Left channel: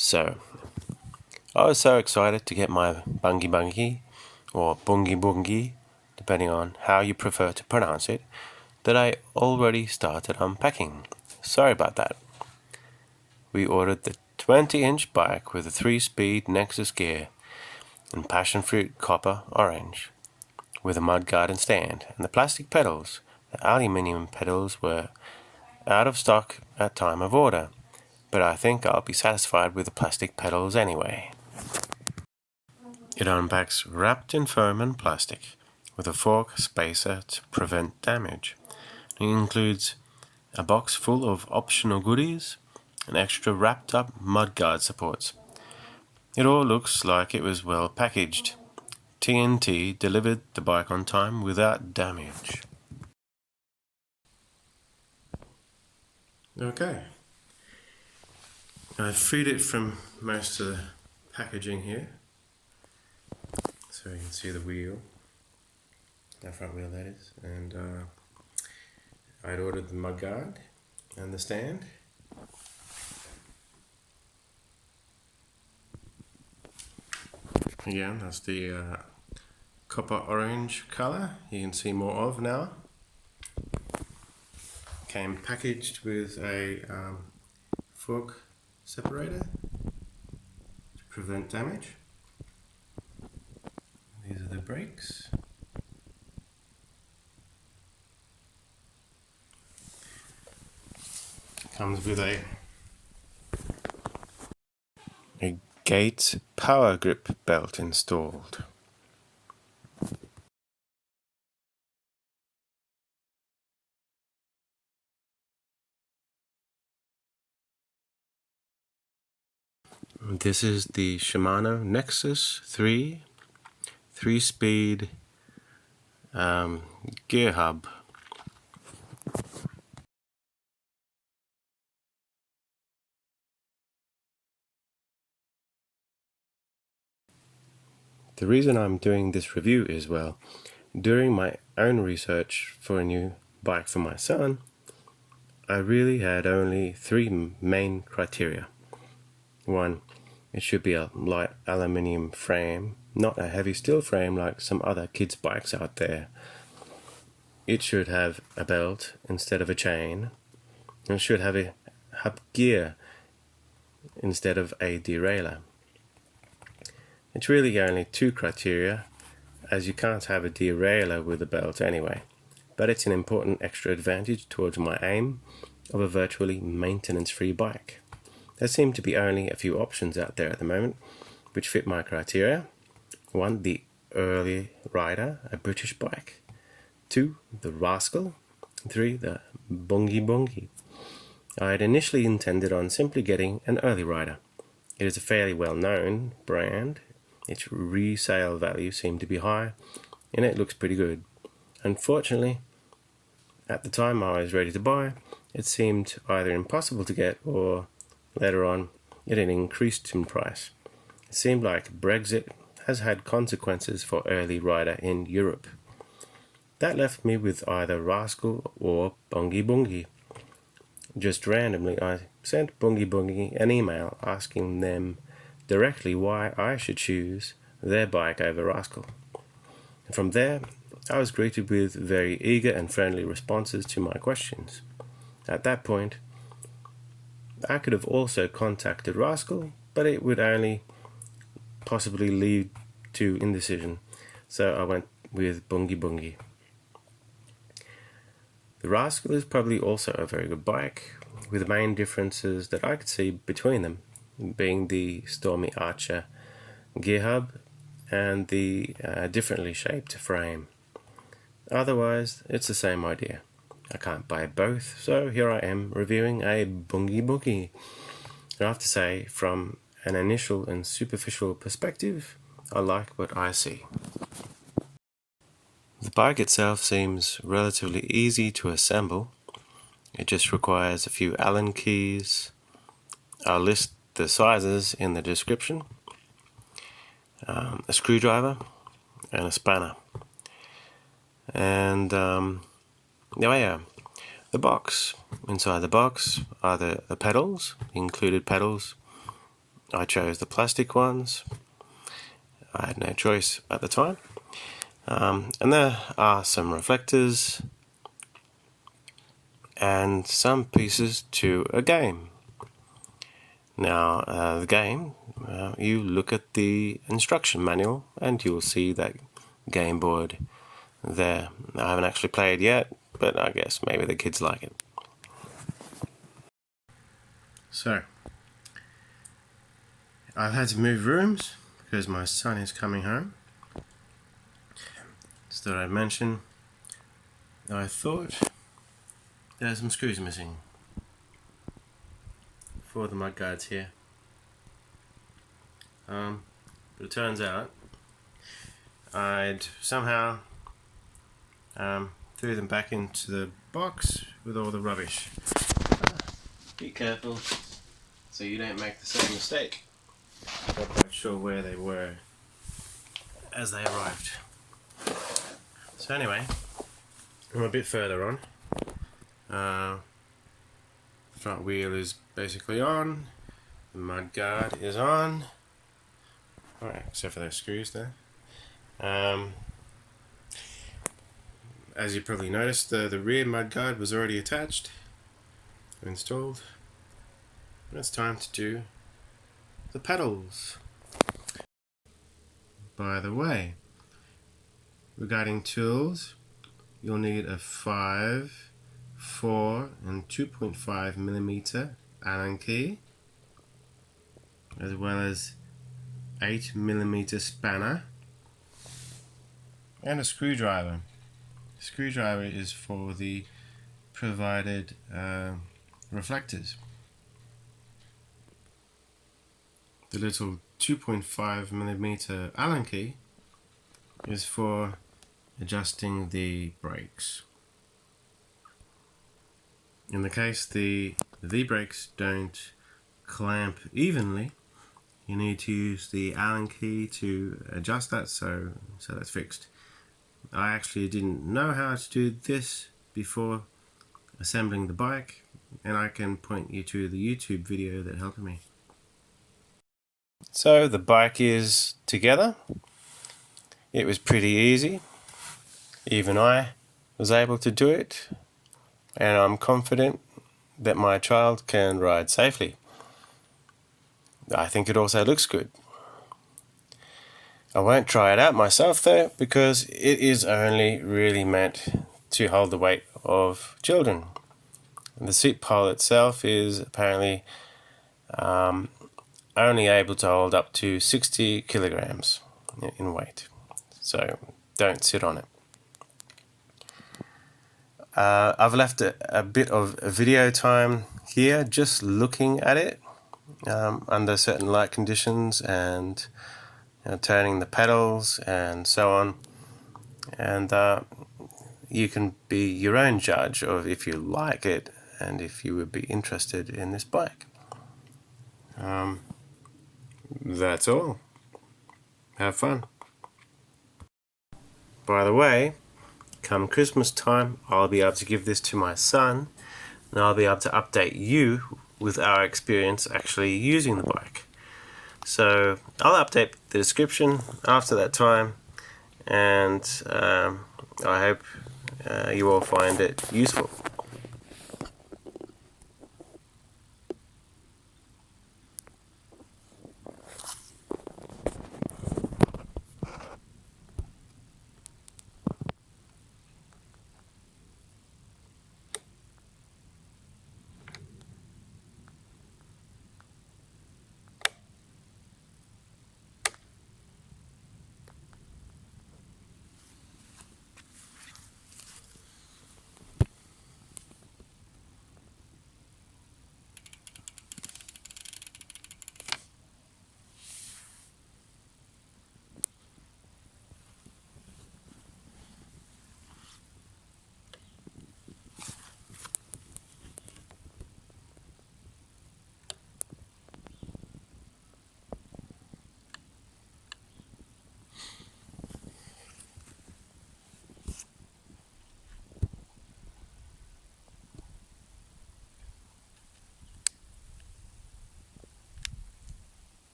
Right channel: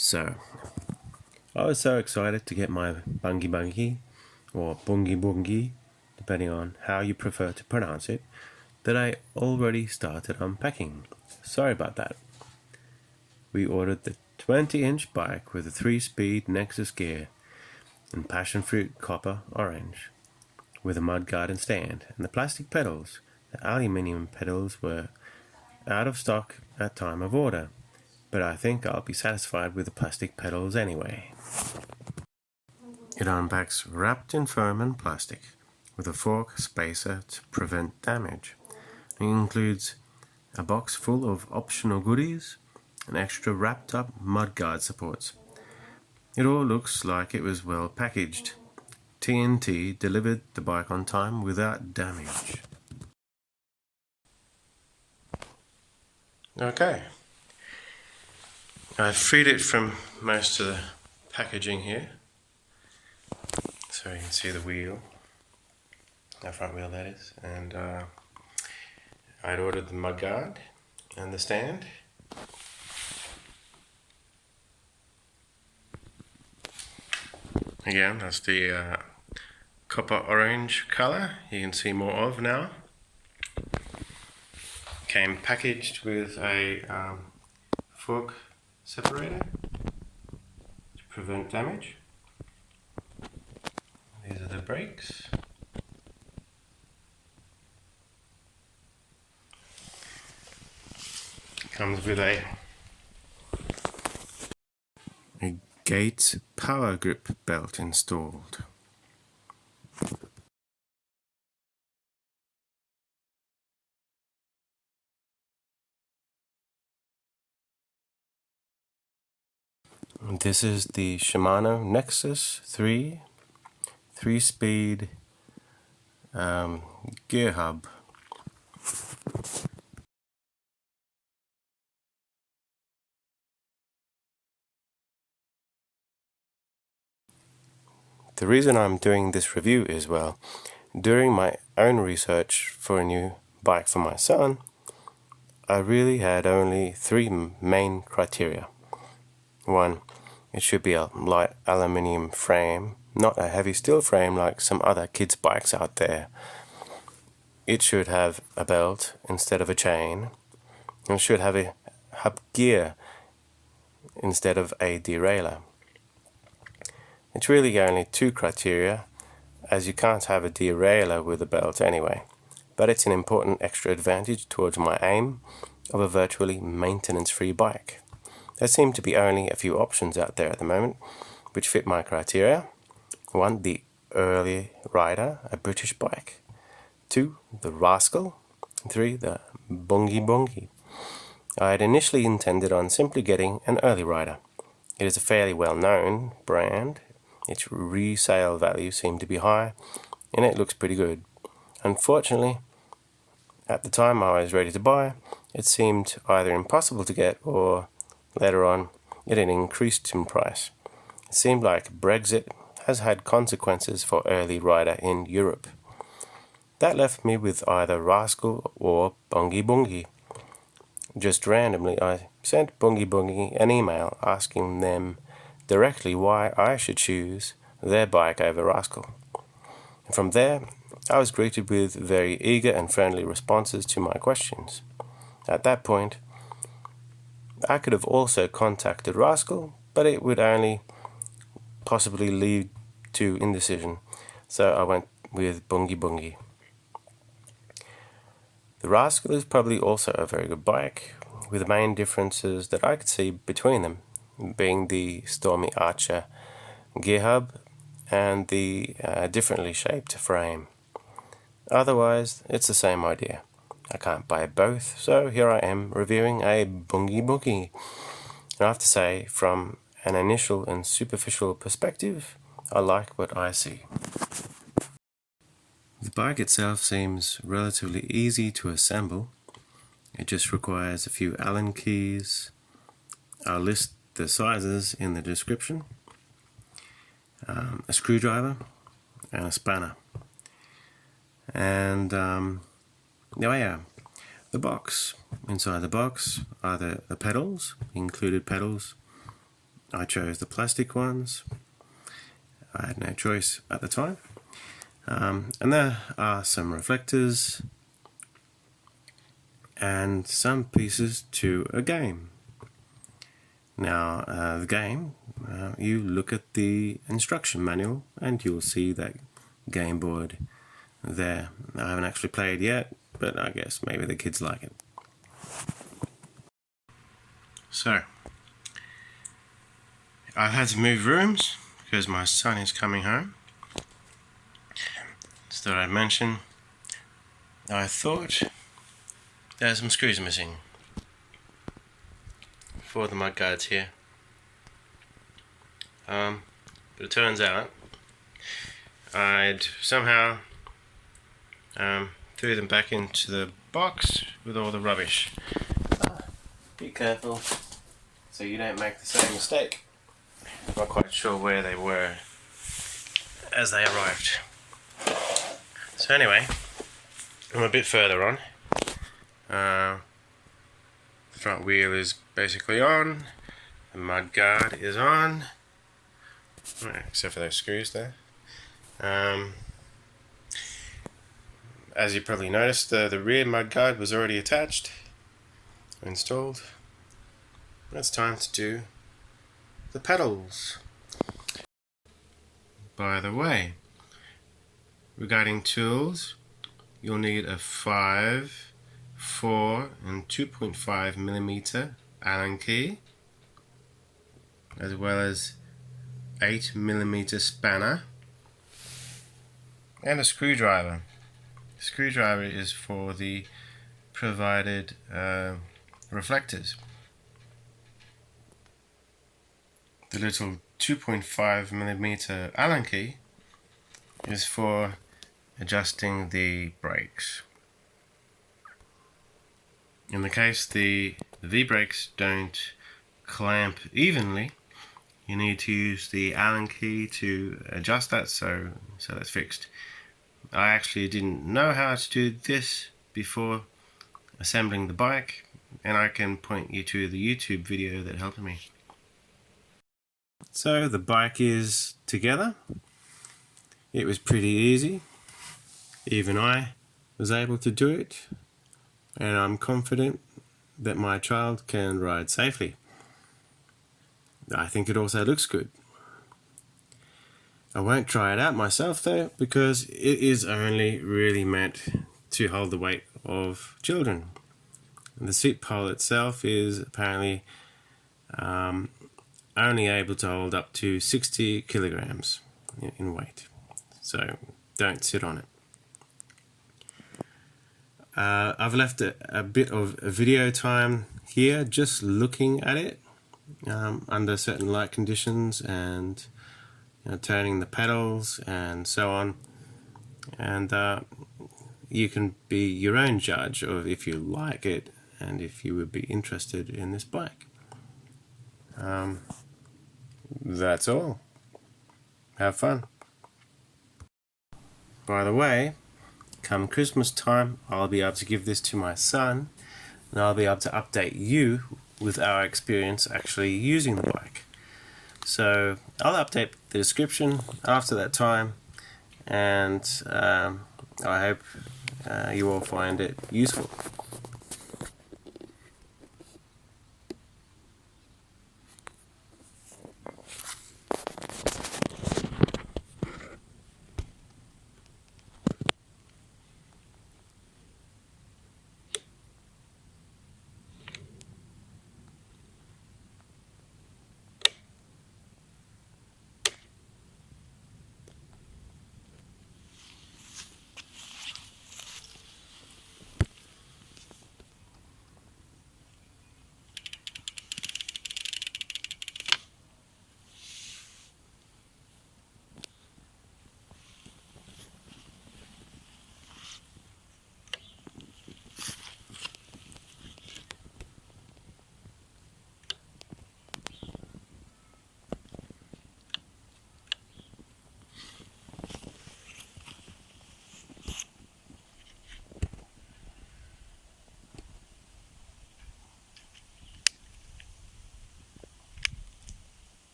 So, I was so excited to get my Bungi Bungi, or Bungi Bungi, depending on how you prefer to pronounce it, that I already started unpacking. Sorry about that. We ordered the 20-inch bike with a 3-speed Nexus gear and passion fruit copper orange, with a mudguard and stand, and the plastic pedals. The aluminium pedals were out of stock at time of order, but I think I'll be satisfied with the plastic pedals anyway. It unpacks wrapped in foam and plastic, with a fork spacer to prevent damage. It includes a box full of optional goodies and extra wrapped up mudguard supports. It all looks like it was well packaged. TNT delivered the bike on time without damage. Okay. I freed it from most of the packaging here, so you can see the wheel, the front wheel that is, and I'd ordered the mudguard and the stand. Again, that's the copper orange colour you can see more of now. Came packaged with a fork separator to prevent damage. These are the brakes. Comes with a gate power grip belt installed. This is the Shimano Nexus 3-speed gear hub. The reason I'm doing this review is, well, during my own research for a new bike for my son, I really had only 3 main criteria. 1, it should be a light aluminium frame, not a heavy steel frame like some other kids' bikes out there. It should have a belt instead of a chain, and it should have a hub gear instead of a derailleur. It's really only 2 criteria, as you can't have a derailleur with a belt anyway, but it's an important extra advantage towards my aim of a virtually maintenance-free bike. There seem to be only a few options out there at the moment which fit my criteria. 1, the Early Rider, a British bike. 2, the Rascal. 3, the Bungi Bungi. I had initially intended on simply getting an Early Rider. It is a fairly well-known brand. Its resale value seemed to be high, and it looks pretty good. Unfortunately, at the time I was ready to buy, it seemed either impossible to get, or later on it had increased in price. It seemed like Brexit has had consequences for Early Rider in Europe. That left me with either Rascal or Bungi Bungi. Just randomly, I sent Bungi Bungi an email asking them directly why I should choose their bike over Rascal. And from there, I was greeted with very eager and friendly responses to my questions. At that point, I could have also contacted Rascal, but it would only possibly lead to indecision, so I went with Bungi Bungi. The Rascal is probably also a very good bike, with the main differences that I could see between them being the Stormy Archer gear hub and the differently shaped frame. Otherwise, it's the same idea. I can't buy both, so here I am reviewing a Bungi Bungi. And I have to say, from an initial and superficial perspective, I like what I see. The bike itself seems relatively easy to assemble. It just requires a few Allen keys. I'll list the sizes in the description. A screwdriver and a spanner. And the box. Inside the box are the pedals, included pedals, I chose the plastic ones. I had no choice at the time. And there are some reflectors and some pieces to a game. Now, the game, you look at the instruction manual and you'll see that game board there. I haven't actually played yet, but I guess maybe the kids like it. So, I've had to move rooms because my son is coming home. Just thought I'd mention, I thought there's some screws missing for the mudguards here. But it turns out I'd somehow threw them back into the box with all the rubbish. Be careful so you don't make the same mistake. Not quite sure where they were as they arrived. So anyway, I'm a bit further on. The front wheel is basically on, the mudguard is on, except for those screws there. As you probably noticed, the rear mudguard was already attached, installed. It's time to do the pedals. By the way, regarding tools, you'll need a 5, 4 and 2.5 millimeter Allen key, as well as 8 millimeter spanner and a screwdriver. The screwdriver is for the provided reflectors. The little 2.5 millimeter Allen key is for adjusting the brakes. In the case the V-brakes don't clamp evenly, you need to use the Allen key to adjust that so that's fixed. I actually didn't know how to do this before assembling the bike, and I can point you to the YouTube video that helped me. So the bike is together. It was pretty easy. Even I was able to do it, and I'm confident that my child can ride safely. I think it also looks good. I won't try it out myself though, because it is only really meant to hold the weight of children. And the seat pole itself is apparently only able to hold up to 60 kilograms in weight, so don't sit on it. I've left a bit of video time here just looking at it under certain light conditions and turning the pedals and so on, and you can be your own judge of if you like it and if you would be interested in this bike. That's all. Have fun. By the way, come Christmas time, I'll be able to give this to my son, and I'll be able to update you with our experience actually using the bike. So I'll update the description after that time, and I hope you all find it useful.